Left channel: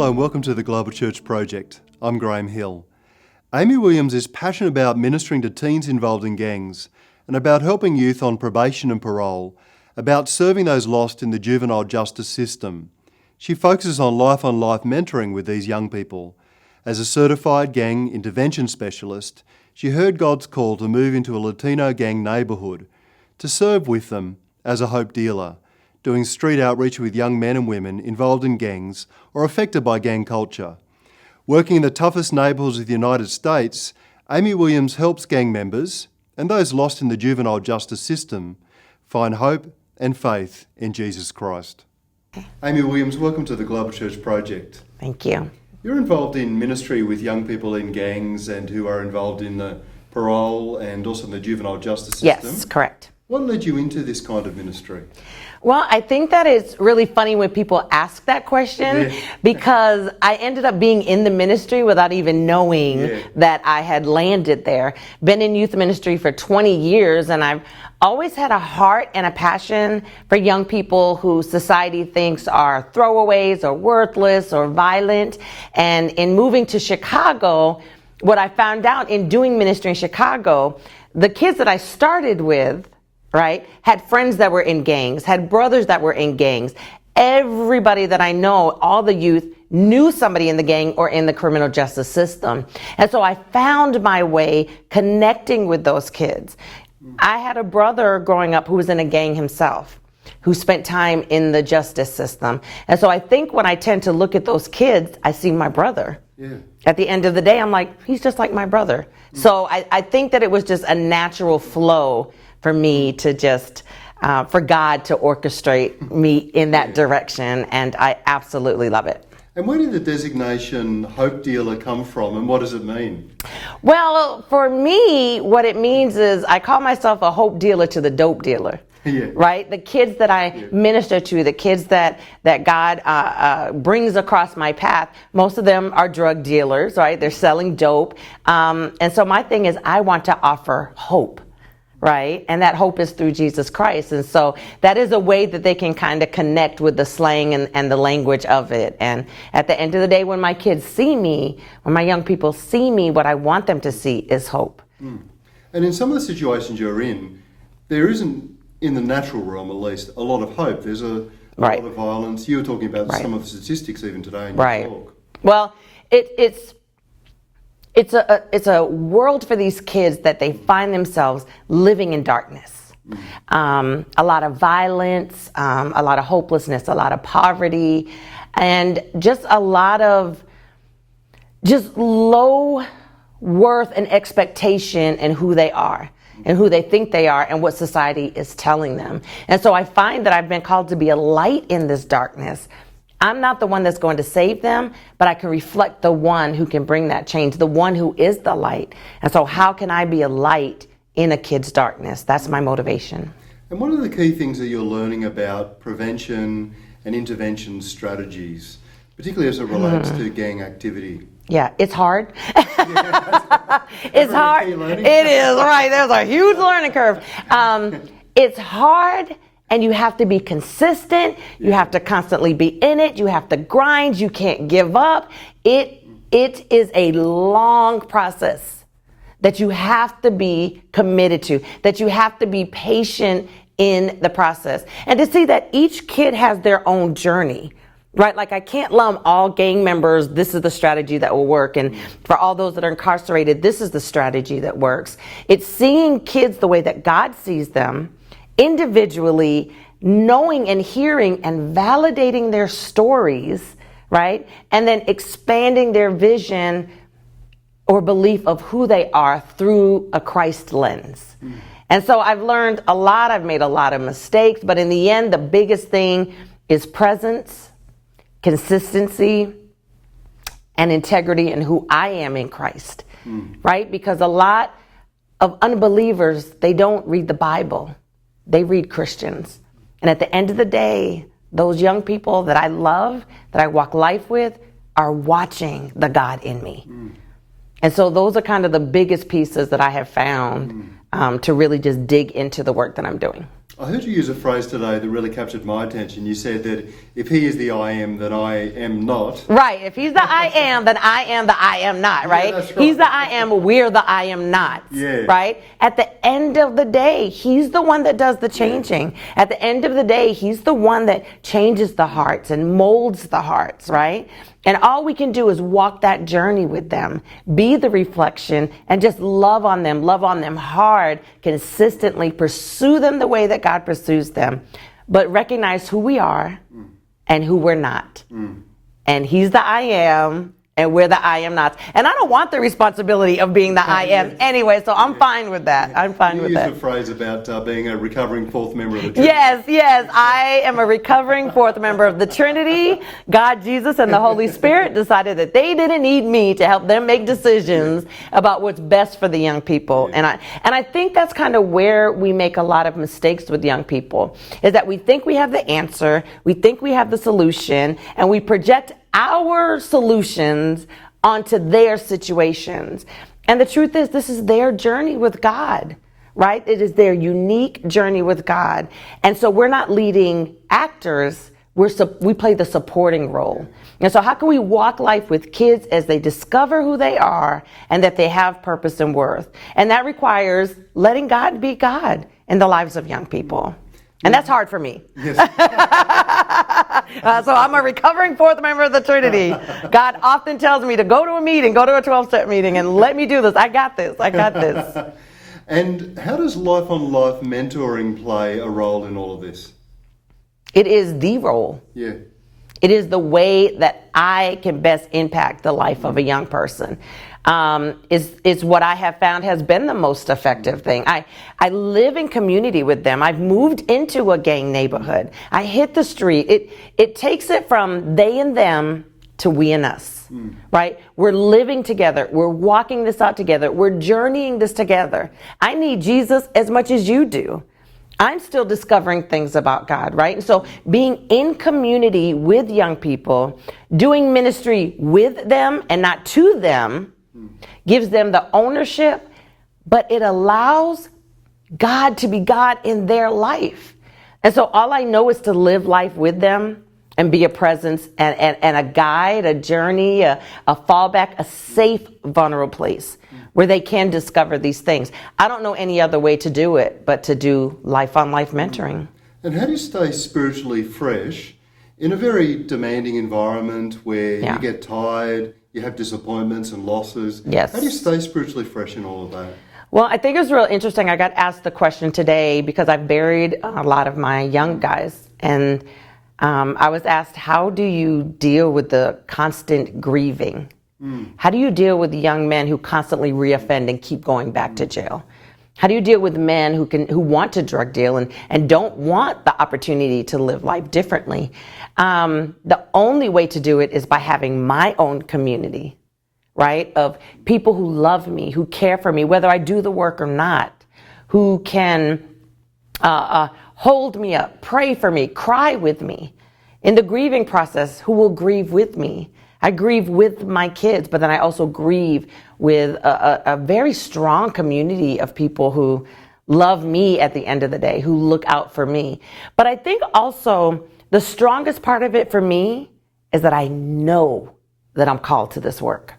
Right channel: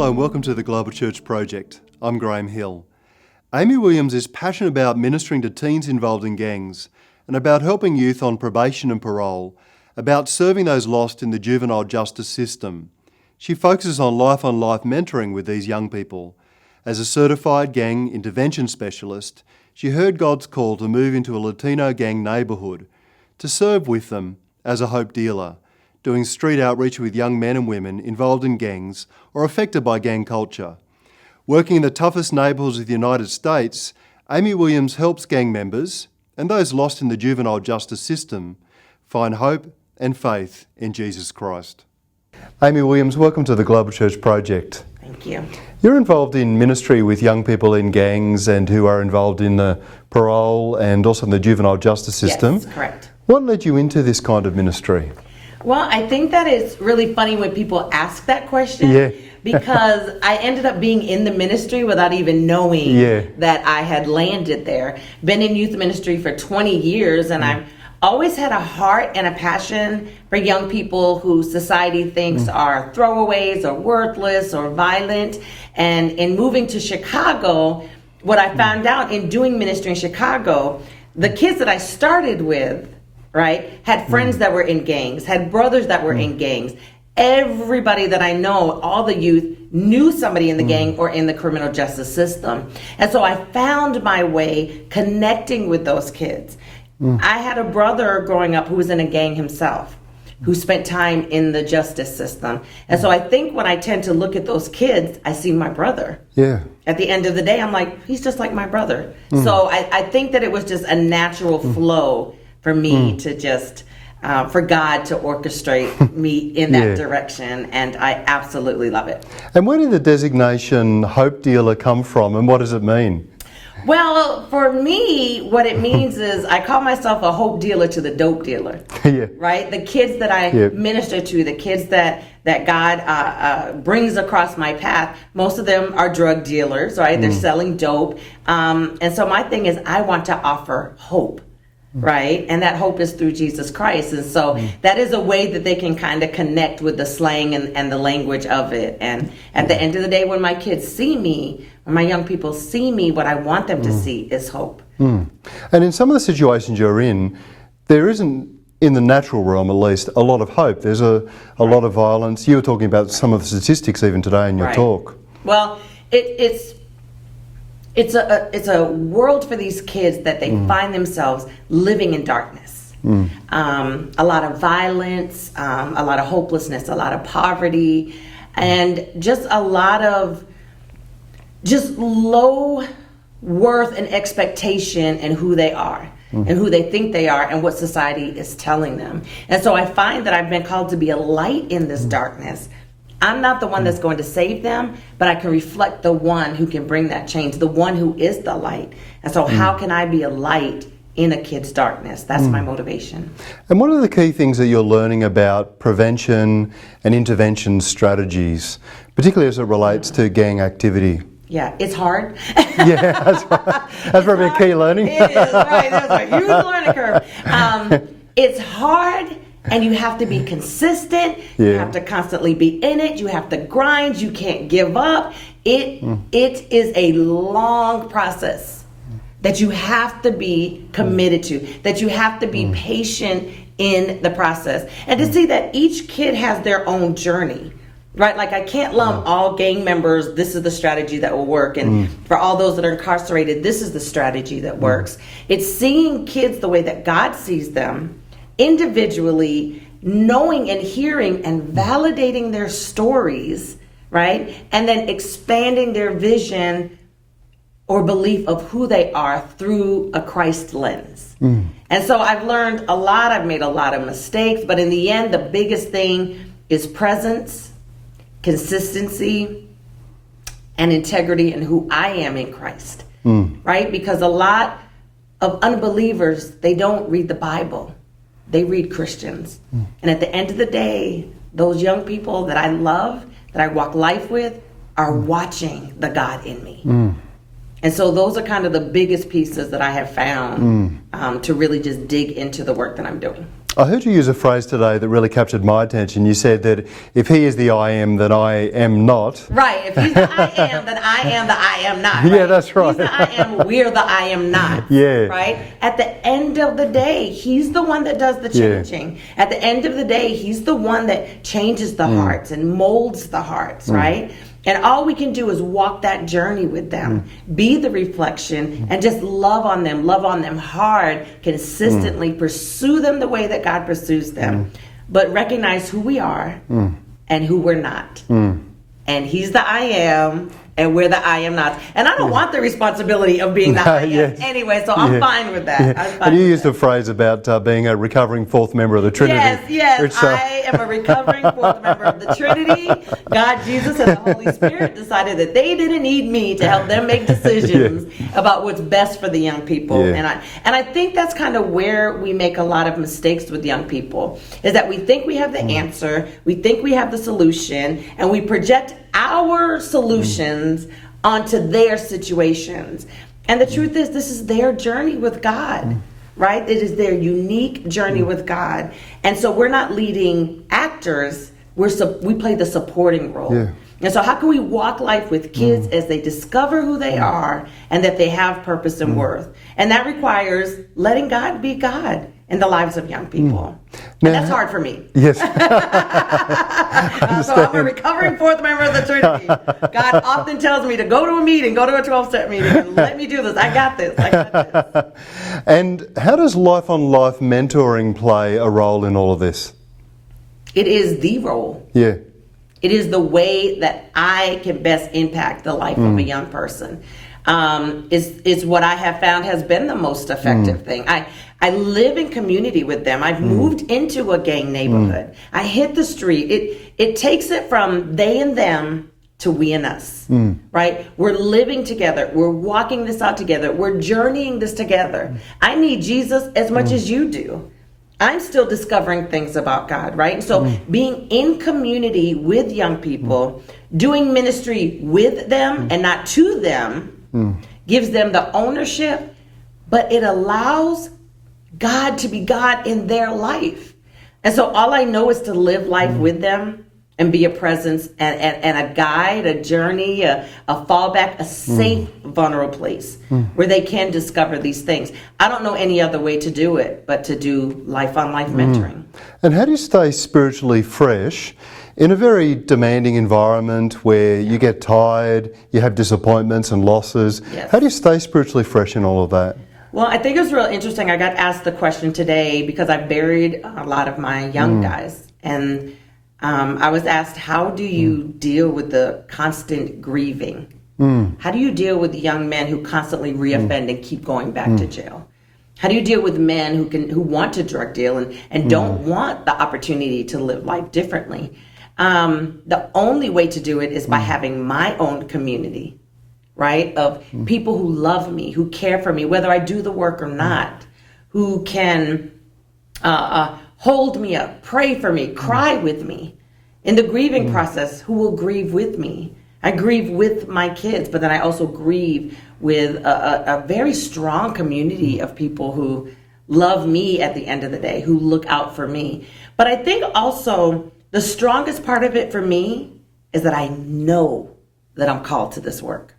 Hello and welcome to the Global Church Project. I'm Graham Hill. Amy Williams is passionate about ministering to teens involved in gangs and about helping youth on probation and parole, about serving those lost in the juvenile justice system. She focuses on life mentoring with these young people. As a certified gang intervention specialist, she heard God's call to move into a Latino gang neighbourhood, to serve with them as a hope dealer, doing street outreach with young men and women involved in gangs or affected by gang culture. Working in the toughest neighbourhoods of the United States, Amy Williams helps gang members and those lost in the juvenile justice system find hope and faith in Jesus Christ. Amy Williams, welcome to the Global Church Project. Thank you. You're involved in ministry with young people in gangs and who are involved in the parole and also in the juvenile justice system. Yes, correct. What led you into this kind of ministry? Well, I think that it's really funny when people ask that question because I ended up being in the ministry without even knowing that I had landed there. Been in youth ministry for 20 years and I've always had a heart and a passion for young people who society thinks are throwaways or worthless or violent. And in moving to Chicago, what I found out in doing ministry in Chicago, the kids that I started with, had friends that were in gangs, had brothers that were in gangs. Everybody that I know, all the youth, knew somebody in the gang or in the criminal justice system. And so I found my way connecting with those kids. I had a brother growing up who was in a gang himself, who spent time in the justice system. And so I think when I tend to look at those kids, I see my brother. At the end of the day, I'm like, he's just like my brother. So I think that it was just a natural flow for me to just, for God to orchestrate me in that direction, and I absolutely love it. And where did the designation Hope Dealer come from, and what does it mean? Well, for me, what it means is I call myself a hope dealer to the dope dealer, right? The kids that I minister to, the kids that God brings across my path, most of them are drug dealers, right? They're selling dope. And so my thing is I want to offer hope. Right? And that hope is through Jesus Christ. And so that is a way that they can kind of connect with the slang and the language of it. And at the end of the day, when my kids see me, when my young people see me, what I want them to see is hope. And in some of the situations you're in, there isn't, in the natural realm at least, a lot of hope. There's a lot of violence. You were talking about some of the statistics even today in your talk. Well, it's a world for these kids that they find themselves living in darkness. A lot of violence, a lot of hopelessness, a lot of poverty, and just a lot of just low worth and expectation in who they are and who they think they are and what society is telling them. And so I find that I've been called to be a light in this darkness. I'm not the one that's going to save them, but I can reflect the one who can bring that change, the one who is the light. And so how can I be a light in a kid's darkness? That's my motivation. And what are the key things that you're learning about prevention and intervention strategies, particularly as it relates to gang activity? Yeah, it's hard. That's probably a key learning. It is, right. That's a huge learning curve. It's hard. And you have to be consistent. You have to constantly be in it. You have to grind. You can't give up. It is a long process that you have to be committed to, that you have to be patient in the process. And to see that each kid has their own journey, right? Like I can't lump all gang members, this is the strategy that will work. And for all those that are incarcerated, this is the strategy that works. It's seeing kids the way that God sees them, individually, knowing and hearing and validating their stories, right? And then expanding their vision or belief of who they are through a Christ lens. And so I've learned a lot, I've made a lot of mistakes, but in the end, the biggest thing is presence, consistency, and integrity in who I am in Christ, right? Because a lot of unbelievers, they don't read the Bible. They read Christians. And at the end of the day, those young people that I love, that I walk life with, are watching the God in me. And so those are kind of the biggest pieces that I have found to really just dig into the work that I'm doing. I heard you use a phrase today that really captured my attention. You said that if he is the I am, then I am not. Right. If he's the I am, then I am the I am not, right? Yeah, that's right. He's the I am, we're the I am not. Yeah. Right? At the end of the day, he's the one that does the changing. At the end of the day, he's the one that changes the hearts and molds the hearts, right? And all we can do is walk that journey with them, be the reflection, and just love on them hard, consistently pursue them the way that God pursues them, but recognize who we are and who we're not. And he's the I am, and we're the I am not. And I don't want the responsibility of being the I am anyway, so I'm fine with that. I'm fine and you with used that. the phrase about being a recovering fourth member of the Trinity. Yes, which, I am a recovering fourth member of the Trinity. God, Jesus, and the Holy Spirit decided that they didn't need me to help them make decisions about what's best for the young people. Yeah. And I think that's kind of where we make a lot of mistakes with young people, is that we think we have the answer, we think we have the solution, and we project our solutions onto their situations. And the truth is, this is their journey with God, right? It is their unique journey with God. And so we're not leading actors, we play the supporting role. Yeah. And so how can we walk life with kids as they discover who they are and that they have purpose and worth? And that requires letting God be God in the lives of young people. And that's hard for me. Yes. So I'm a recovering fourth member of the Trinity. God often tells me to go to a meeting, go to a 12-step meeting, and let me do this. I got this. And how does Life on Life mentoring play a role in all of this? It is the role. Yeah. It is the way that I can best impact the life of a young person. Is what I have found has been the most effective thing. I live in community with them. I've moved into a gang neighborhood. I hit the street. It takes it from they and them to we and us, right? We're living together. We're walking this out together. We're journeying this together. I need Jesus as much as you do. I'm still discovering things about God, right? So being in community with young people, doing ministry with them and not to them, gives them the ownership, but it allows God to be God in their life. And so all I know is to live life with them and be a presence and a guide, a journey, a fallback, a safe, vulnerable place where they can discover these things. I don't know any other way to do it but to do life on life mentoring. And how do you stay spiritually fresh in a very demanding environment where you get tired, you have disappointments and losses? Yes. How do you stay spiritually fresh in all of that? Well, I think it was real interesting. I got asked the question today because I buried a lot of my young guys. And I was asked, how do you deal with the constant grieving? How do you deal with young men who constantly reoffend and keep going back to jail? How do you deal with men who want to drug deal and don't want the opportunity to live life differently? The only way to do it is by having my own community, right? Of people who love me, who care for me, whether I do the work or not, who can hold me up, pray for me, cry with me. In the grieving process, who will grieve with me? I grieve with my kids, but then I also grieve with a very strong community of people who love me at the end of the day, who look out for me. But I think also the strongest part of it for me is that I know that I'm called to this work.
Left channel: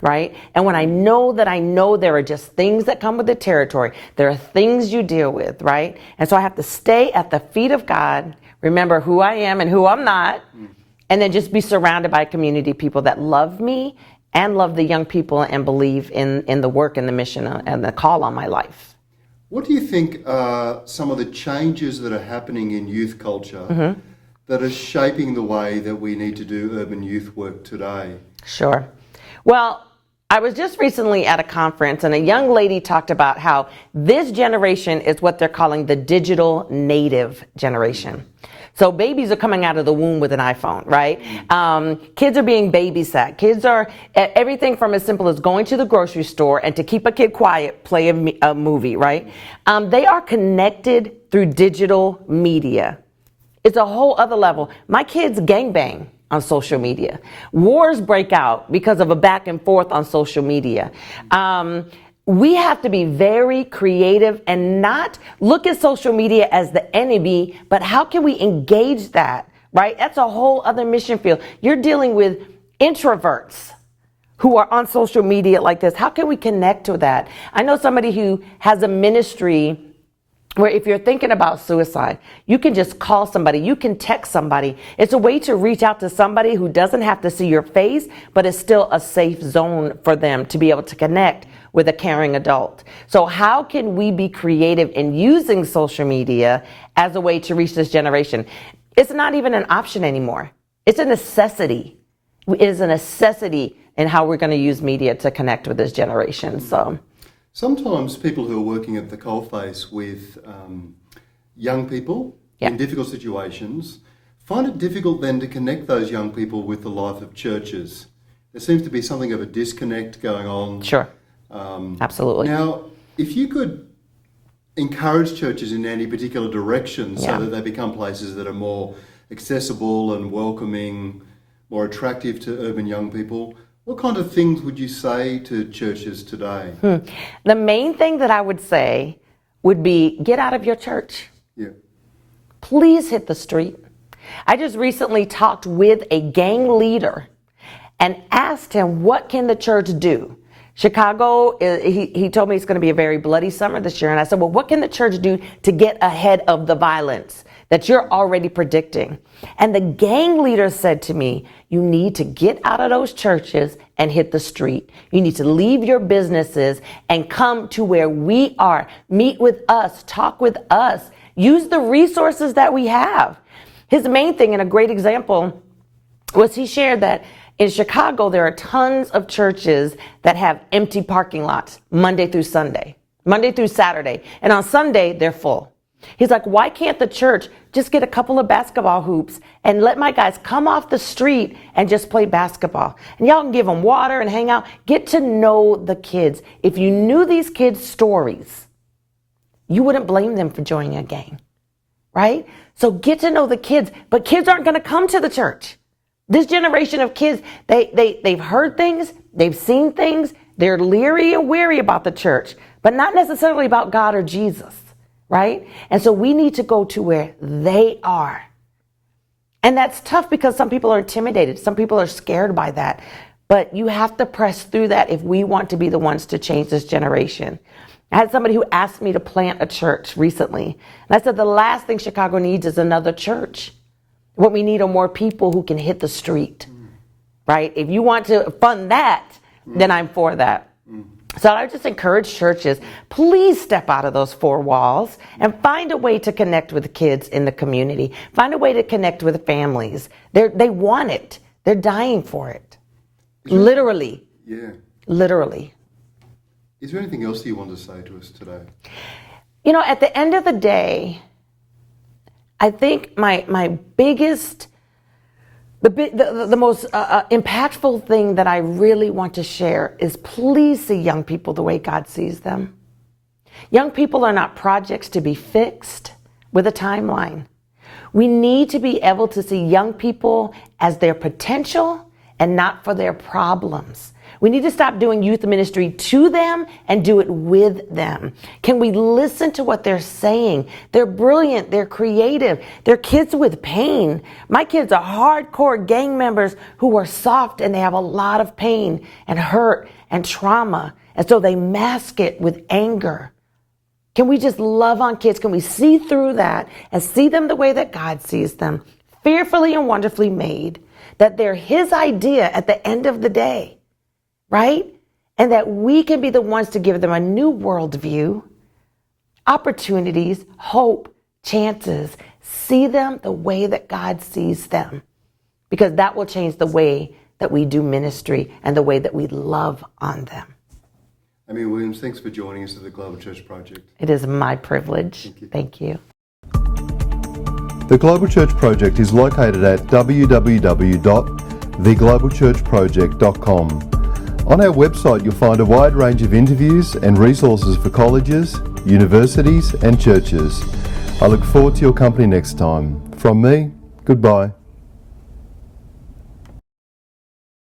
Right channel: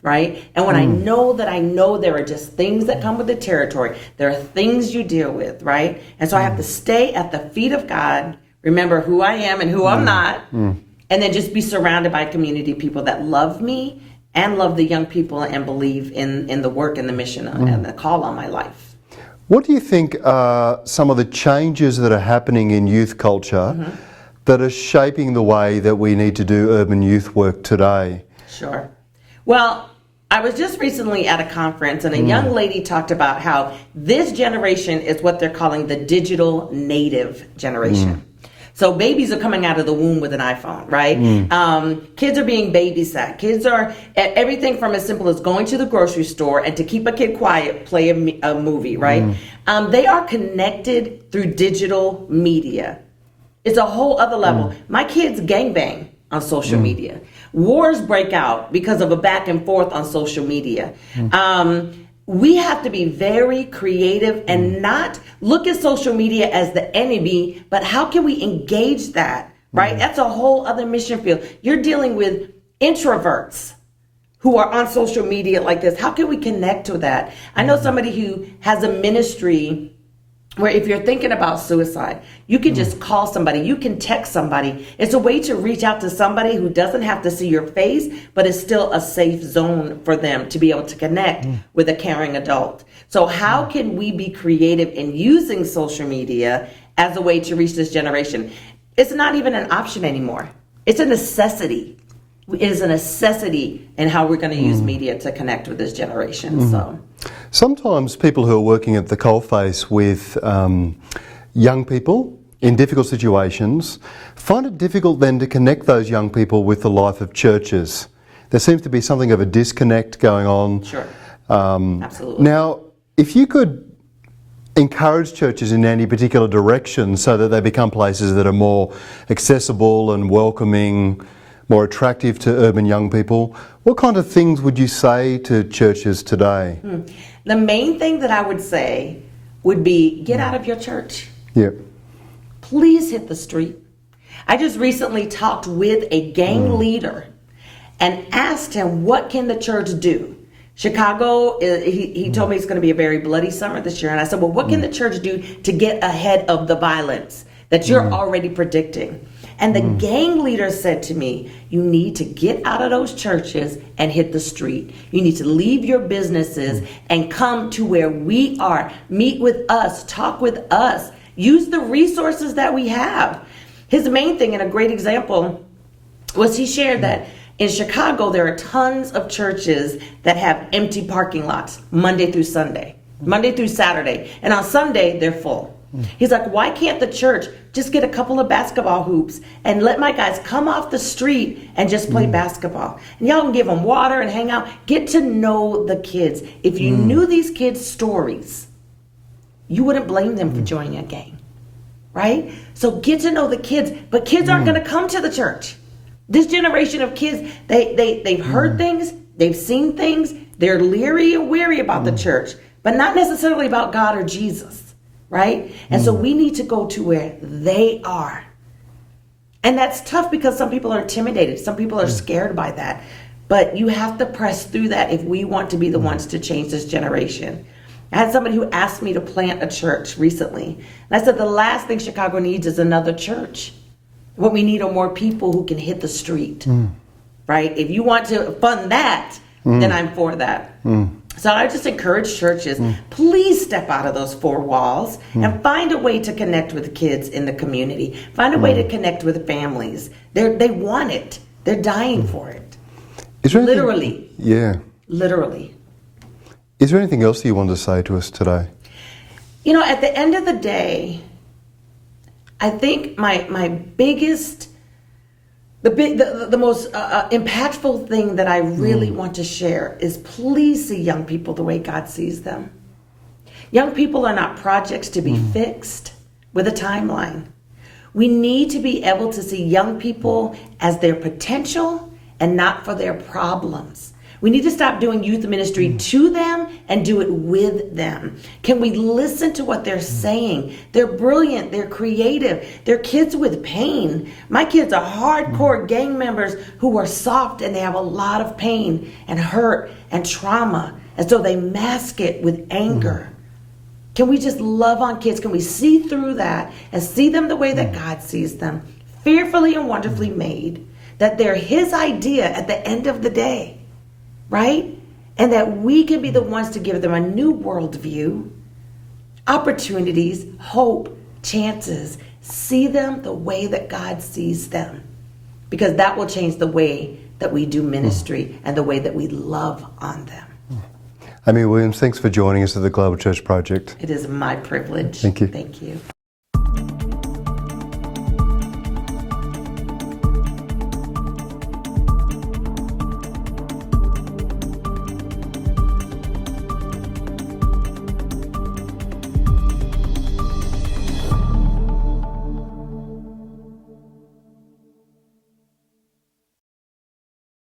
Right? And when I know there are just things that come with the territory, there are things you deal with, right? And so I have to stay at the feet of God, remember who I am and who I'm not, and then just be surrounded by community people that love me and love the young people and believe in the work and the mission and the call on my life. What do you think are some of the changes that are happening in youth culture that are shaping the way that we need to do urban youth work today? Sure. Well, I was just recently at a conference and a young lady talked about how this generation is what they're calling the digital native generation. So babies are coming out of the womb with an iPhone, right? Kids are being babysat. Kids are at everything from as simple as going to the grocery store and to keep a kid quiet, play a movie, right? They are connected through digital media. It's a whole other level. My kids gangbang on social media. Wars break out because of a back and forth on social media. we have to be very creative and not look at social media as the enemy, but how can we engage that, right? That's a whole other mission field. You're dealing with introverts who are on social media like this. How can we connect to that? I know somebody who has a ministry where if you're thinking about suicide, you can just call somebody, you can text somebody. It's a way to reach out to somebody who doesn't have to see your face, but is still a safe zone for them to be able to connect with a caring adult. So how can we be creative in using social media as a way to reach this generation? It's not even an option anymore. It's a necessity. It is a necessity in how we're going to use media to connect with this generation. So. Sometimes people who are working at the coalface with young people in difficult situations find it difficult then to connect those young people with the life of churches. There seems to be something of a disconnect going on. Sure. Absolutely. Now, if you could encourage churches in any particular direction so that they become places that are more accessible and welcoming, more attractive to urban young people, what kind of things would you say to churches today? The main thing that I would say would be get out of your church. Yeah. Please hit the street. I just recently talked with a gang leader and asked him, what can the church do? Chicago, he told me it's going to be a very bloody summer this year. And I said, well, what can the church do to get ahead of the violence that you're already predicting? And the gang leader said to me, you need to get out of those churches and hit the street. You need to leave your businesses and come to where we are. Meet with us, talk with us, use the resources that we have. His main thing, and a great example, was he shared that in Chicago, there are tons of churches that have empty parking lots Monday through Sunday, Monday through Saturday. And on Sunday, they're full. He's like, why can't the church just get a couple of basketball hoops and let my guys come off the street and just play basketball? And y'all can give them water and hang out. Get to know the kids. If you knew these kids' stories, you wouldn't blame them for joining a gang, right? So get to know the kids. But kids aren't going to come to the church. This generation of kids, they've heard things, they've seen things, they're leery and weary about the church, but not necessarily about God or Jesus. Right? And so we need to go to where they are. And that's tough because some people are intimidated. Some people are scared by that. But you have to press through that if we want to be the ones to change this generation. I had somebody who asked me to plant a church recently. And I said, the last thing Chicago needs is another church. What we need are more people who can hit the street. Right? If you want to fund that, then I'm for that. So I just encourage churches, please step out of those four walls and find a way to connect with kids in the community. Find a way to connect with families. They want it. They're dying for it. Literally. Yeah. Literally. Is there anything else you want to say to us today? You know, at the end of the day, I think my biggest, the most impactful thing that I really want to share is please see young people the way God sees them. Young people are not projects to be fixed with a timeline. We need to be able to see young people as their potential and not for their problems. We need to stop doing youth ministry to them and do it with them. Can we listen to what they're saying? They're brilliant. They're creative. They're kids with pain. My kids are hardcore gang members who are soft and they have a lot of pain and hurt and trauma. And so they mask it with anger. Can we just love on kids? Can we see through that and see them the way that God sees them? Fearfully and wonderfully made. That they're His idea at the end of the day. Right? And that we can be the ones to give them a new worldview, opportunities, hope, chances. See them the way that God sees them. Because that will change the way that we do ministry and the way that we love on them. Amy Williams, thanks for joining us at the Global Church Project. It is my privilege. Thank you. Thank you. The Global Church Project is located at www.theglobalchurchproject.com. On our website, you'll find a wide range of interviews and resources for colleges, universities and churches. I look forward to your company next time. From me, goodbye.